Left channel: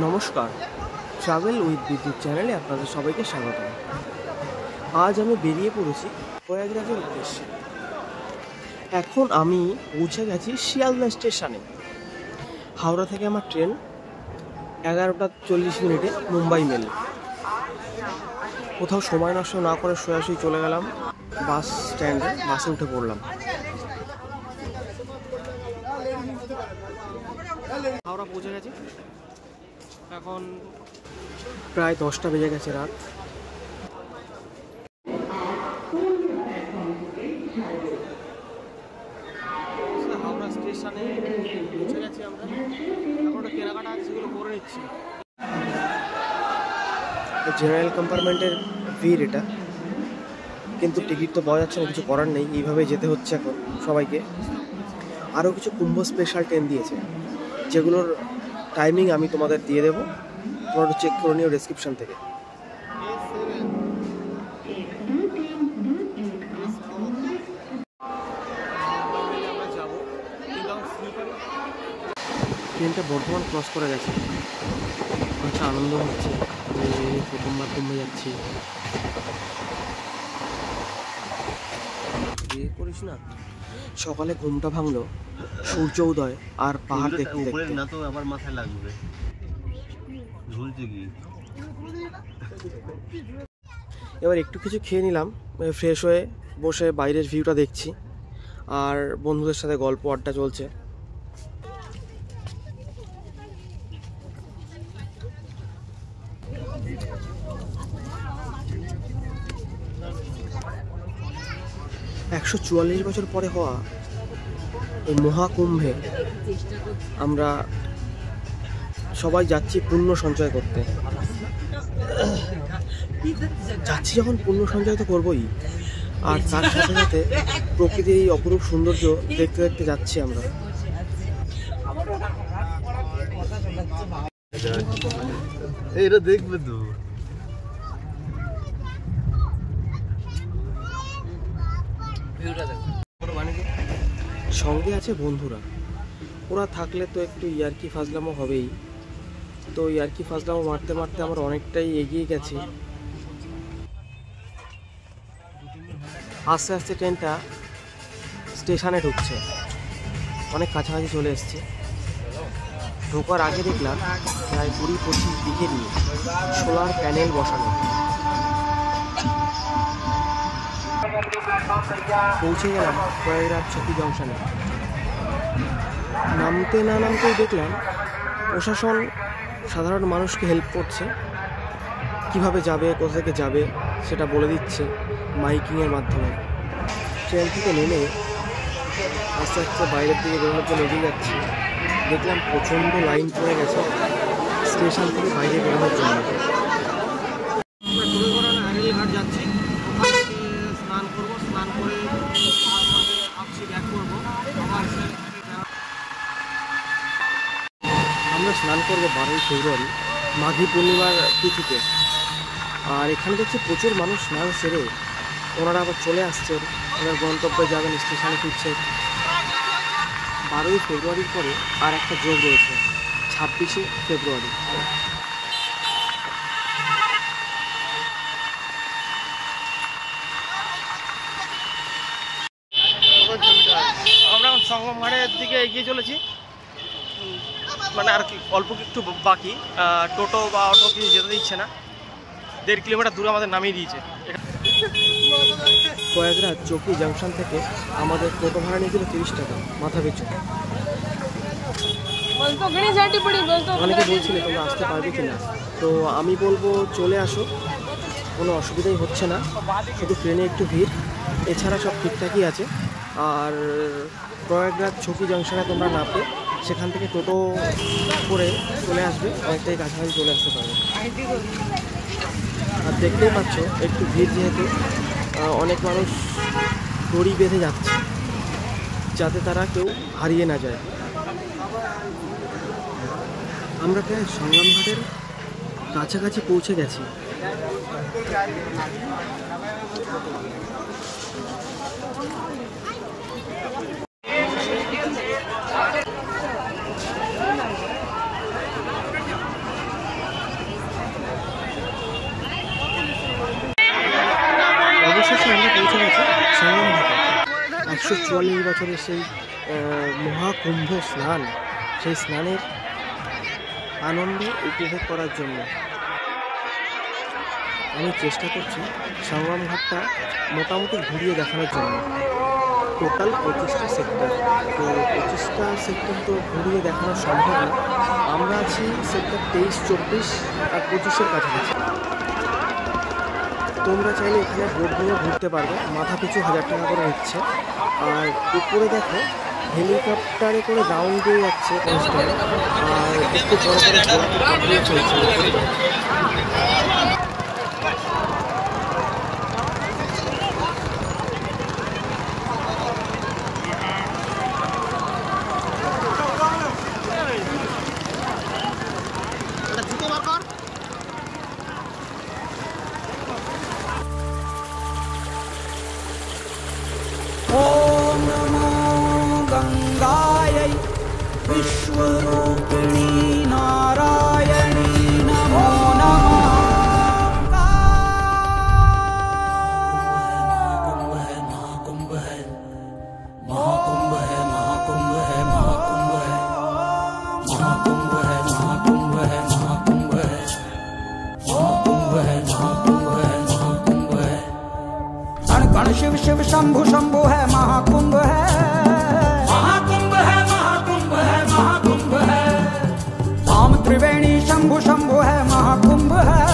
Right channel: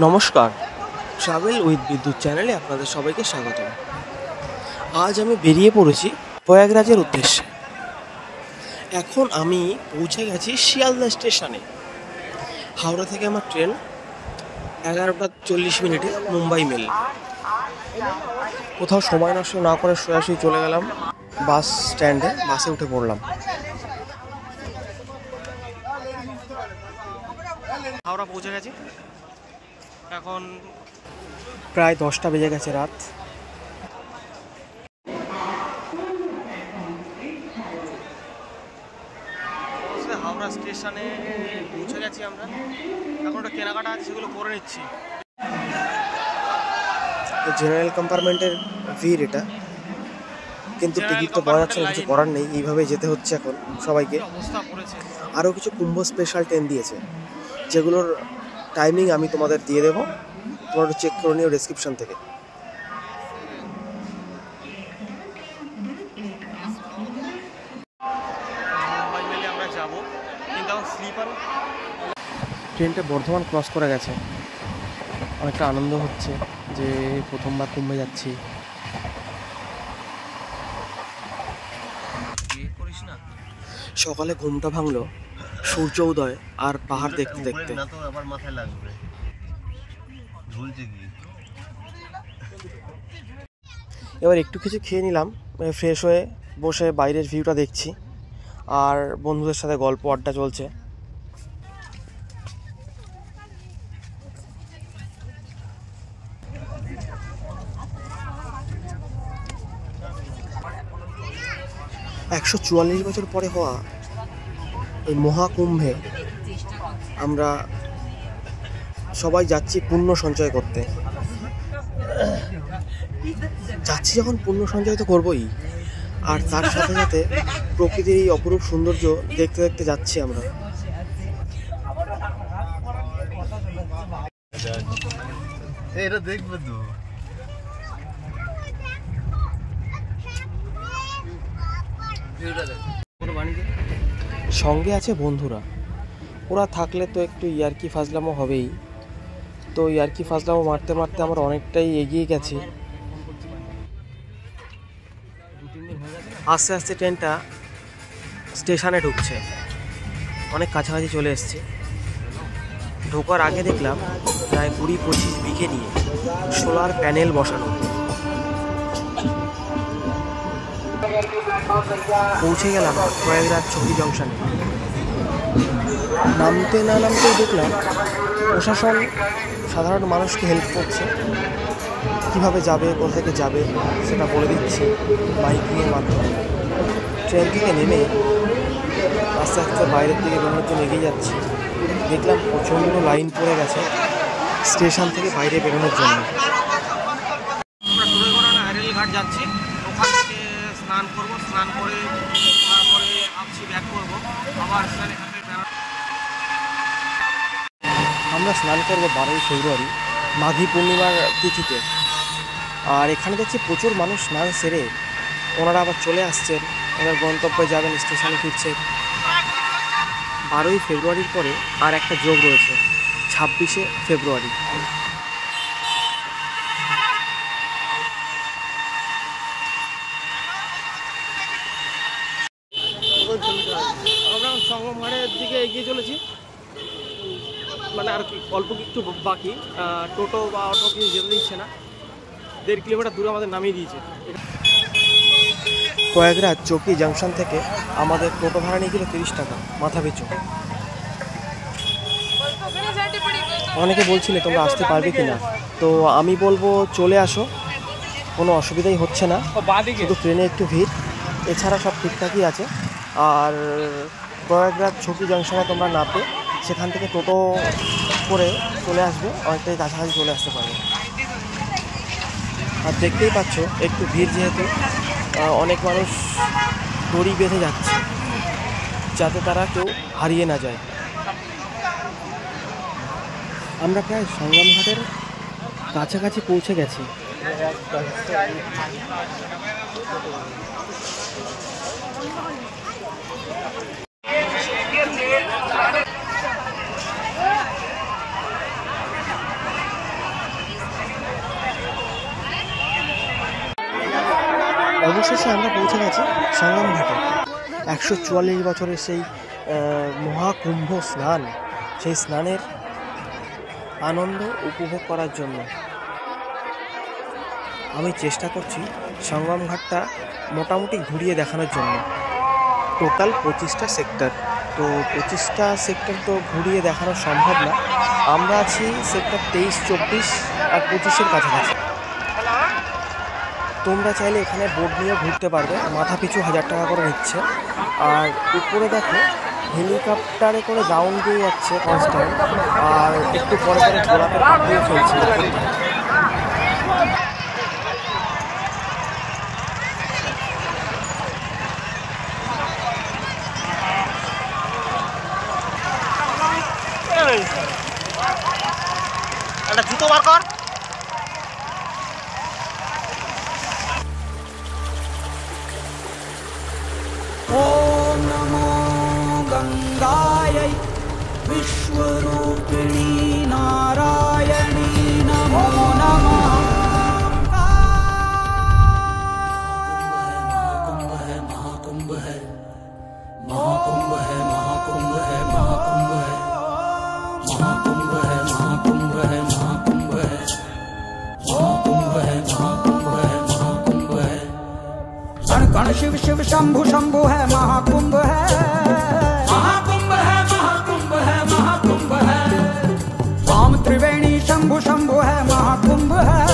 নমস্কার, travel with বিদ্যুৎ চ্যানেলে আপনাদের সবাইকে স্বাগতম। আজ আমি বেরিয়ে পড়েছি প্রয়াগরাজের উদ্দেশ্যে। এখন আমি পৌঁছে গেছি শিয়ালদা স্টেশনে। হাওড়া থেকে আমার ট্রেন 11টা 40 মুম্বাই মেল। কোথাও সময় নষ্ট না করে সোজাসুজি চলে গেলাম বাস স্ট্যান্ডে, বাসে উঠে পড়লাম। হাওড়া পৌঁছে গেছি, এখন প্রায় 10টা বেজে গেছে রাত। হাওড়া স্টেশনে পৌঁছে গেছি আমরা। এখন একটা কেনাকাটা আছে, সেগুলো করে নিচ্ছি। জেনারেল কম্পার্টমেন্টের ভিড় এটা, কিন্তু টিকিট তো পাওয়া যাচ্ছে না, কিছু করার নেই, এইভাবে যেতে হচ্ছে এখন সবাইকে। আরও কিছু কুম্ভ স্পেশাল ট্রেন দিয়েছে, যেগুলোর টাইমিং আমি তোমাদের দিয়ে দেবো, তোমরা একটু চেক করে নিও ডেসক্রিপশন থেকে। মুম্বাই মেলে আমরা যাবো, কিন্তু এখন স্লিপার। ট্রেনটা বর্ধমান ক্রস করে গেছে, অনেকটা আনন্দ হচ্ছে যে প্রথমবার কুম্ভে যাচ্ছি। করিস না, সকালে ঘুমটা ভাঙলো সূর্য উদয় আর পাহাড় দেখতে দেখতে। না তো আবার মাথায় লাগবে, ঝুলছে কি। এবার একটু কিছু খেয়ে নিলাম, ফ্রেশ হয়ে বসে বাইরের ভিউটা দেখছি, আর বন্ধুদের সাথে গল্প আড্ডা চলছে। $144 বছর পরে হওয়া এই মহাকুম্ভে আমরা সবাই যাচ্ছি পুণ্য সঞ্চয় করতে। যাচ্ছি যখন পুণ্য সঞ্চয় তো করবোই, আর তার সাথে সাথে প্রকৃতির এই অপরূপ সৌন্দর্য দেখতে দেখতে যাচ্ছি আমরা। এটা দেখবে তো। সঙ্গে আছে বন্ধুরা, ওরা থাকলে তো একটু ইয়ার্কি ফাজলামো হবেই। তো ইয়ার্কি ফাজলামো মারতে মারতে আমরা অনেকটাই এগিয়ে গেছি। আস্তে আস্তে ট্রেনটা স্টেশনে ঢুকছে, অনেক কাছাকাছি চলে এসছে। ঢোকার আগে দেখলাম প্রায় 20-25 বিঘে নিয়ে সোলার প্যানেল বসানো। পৌঁছে গেলাম প্রয়াগরাজ চকি জংশনে। নামতে না নামতেই দেখলাম প্রশাসন সাধারণ মানুষকে হেল্প করছে, কিভাবে যাবে, কোথা থেকে যাবে সেটা বলে দিচ্ছে মাইকিংয়ের মাধ্যমে। ট্রেন থেকে নেমে আস্তে আস্তে বাইরের দিকে বেরোনোর জন্য এগিয়ে যাচ্ছি। দেখলাম প্রচণ্ড লাইন পড়ে গেছে স্টেশন থেকে বাইরে বেরোনোর জন্য। আমরা আইরেল ঘাট যাচ্ছি, ওখান থেকে স্নান করবো, স্নান করে তারপরে ভাবছি ব্যাক করবো আবার। আমরা স্নান করবো 12ই ফেব্রুয়ারি মাঘী পূর্ণিমার তিথিতে। আর এখানে দেখছি প্রচুর মানুষ স্নান সেরে ওনারা আবার চলে আসছেন, ওনার গন্তব্যে যাবেন, স্টেশনে ফিরছেন। 12ই ফেব্রুয়ারির পরে আর একটা যোগ রয়েছে, 26শে ফেব্রুয়ারি। আমরা সঙ্গম ঘাটের দিকে এগিয়ে চলেছি, মানে আর কি অল্প একটু বাকি। টোটো বা অটো কিছু যেতে দিচ্ছে না, 1.5 কিলোমিটার দূরে আমাদের নামিয়ে দিয়েছে। প্রয়াগরাজ চকি জাংশন থেকে আমাদের টোটো ভাড়া নিয়েছিল 30 টাকা মাথা পিছু। অনেকে বলছিলে তোমরা আসতে পারবে কিনা, তো আমি বলবো চলে আসো, কোনো অসুবিধাই হচ্ছে না, শুধু ট্রেনে একটু ভিড়, এছাড়া সব ঠিকঠাকই আছে। আর প্রয়াগরাজ চকি জাংশনে তোমরা নামবে, সেখান থেকে টোটো করে চলে আসবে, অনেকটাই কাছাকাছি চলে আসতে পারবে। আর দেখতেই পাচ্ছ একটু ভিড়, যেহেতু অনেক মানুষ দড়ি বেঁধে যাচ্ছে যাতে তারা কেউ হারিয়ে না যায়। আমরা প্রায় সঙ্গম ঘাটের কাছাকাছি পৌঁছে গেছি। অবশেষে আমরা পৌঁছে গেছি সঙ্গম ঘাটে। 144 বছরের সেই মহাকুম্ভ স্নান, সেই স্নানের আনন্দ উপভোগ করার জন্য আমি চেষ্টা করছি সঙ্গম ঘাটটা মোটামুটি ঘুরিয়ে দেখানোর জন্য। টোটাল 25টা সেক্টর, তো 25টা সেক্টর তো ঘুরিয়ে দেখানো সম্ভব না। আমরা আছি সেক্টর 23, 24 আর 25-এর কাছাকাছি। তোমরা চাইলে এখানে বোট নিয়েও ঘুরতে পারবে, মাথা পিছু 1000 টাকা করে নিচ্ছে। আর উপরে দেখো হেলিকপ্টারে করে রাউন্ড দিয়ে যাচ্ছে কনস্ট্যান্ট, আর একটু পরে পরে গোলাপের পাপড়িও চলছে। একটা জুতো বার কর। ॐ नमो गङ्गायै विश्वरूपिणी नारायणी नमो नमः। महाकुंभ है महाकुंभ है महाकुंभ है महाकुंभ है महाकुंभ है महाकुंभ है महाकुंभ है महाकुंभ है महाकुंभ है महाकुंभ है महाकुंभ है। कण कण शिव शिव शंभु शंभु है महाकुंभ है महाकुंभ है महाकुंभ है महाकुंभ है। राम त्रिवेणी शंभु शंभु है महाकुंभ है